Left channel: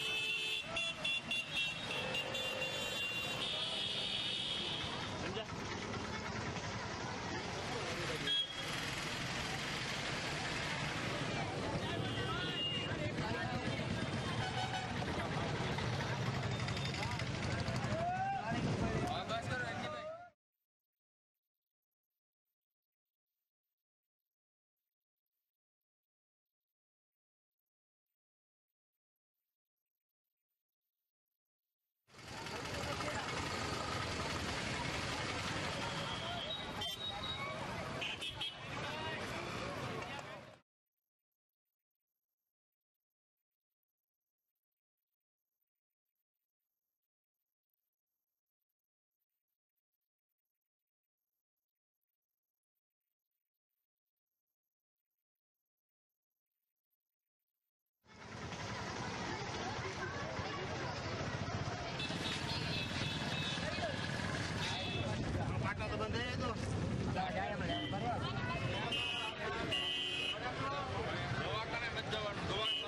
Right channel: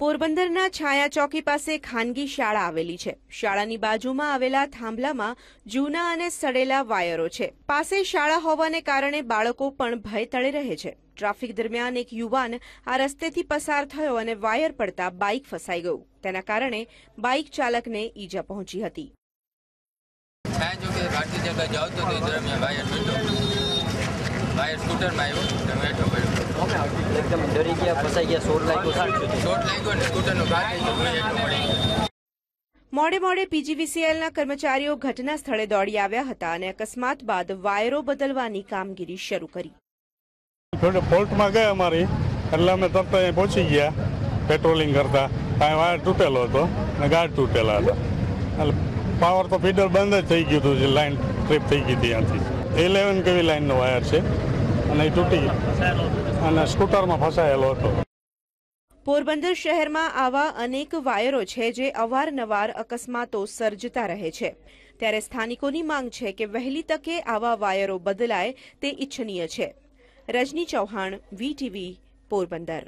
પોરબંદરના છાયા ચોકી પાસે ખાનગી શાળા આવેલી છે. શાળાની બાજુમાં આવેલા થાંભલામાં જૂના અને સડેલા વાયરો છે. પાસે શાળા હોવાને કારણે બાળકો પણ ભય તળે રહે છે. ટ્રાફિક દરમિયાન એક યુવાન આ રસ્તેથી પસાર થયો અને વાયર પડતા બાઇક ફસાઈ ગયું. તેના કારણે બાઇક ચાલકને ઈજા પહોંચી હતી. છાયા ચોકે ભારતીય તો દરમિયાન વાયર વાયર સ્કૂટરમાં આવ્યો. બેઠો પડ્યો. એકદમ ડરી ગયા ફસાઈ ગયા સોર લાગ્યો શું લાગ્યો ને સ્કૂટરનો મોડે મોડે પીજીવીસીએલના કર્મચારીઓ ઘટના સ્થળે દોડી આવ્યા હતા અને અકસ્માત બાદ વાયરો બદલવાની કામગીરી શરૂ કરી. ફોલ્ટમાં ગયા અમારી, એટલે અમે તરત અહીં પહોંચી ગયા, પેટ્રોલિંગ કરતા. ત્યાં વાયર તૂટેલો હતો અને ગાઢ તૂટેલા હતા. એટલે પાવર તો ફીડર બંધ જ થઈ ગયું હતું, જે લાઈન ટ્રીપ થઈ ગઈ હતી ત્યાંથી. ઇલેવન કેવી લાઇનનો વાયર છે? અને તૂટી અને સ્કૂટરમાં ફસાયેલો હતો. પોરબંદર શહેરમાં આવા અનેક વાયરો છે જે અવારનવાર અકસ્માતો સર્જતા રહે છે. ત્યારે સ્થાનિકોની માંગ છે કે વહેલી તકે આવા વાયરો બદલાય તે ઇચ્છનીય છે. રજની ચૌહાણ, વીટીવી, પોરબંદર.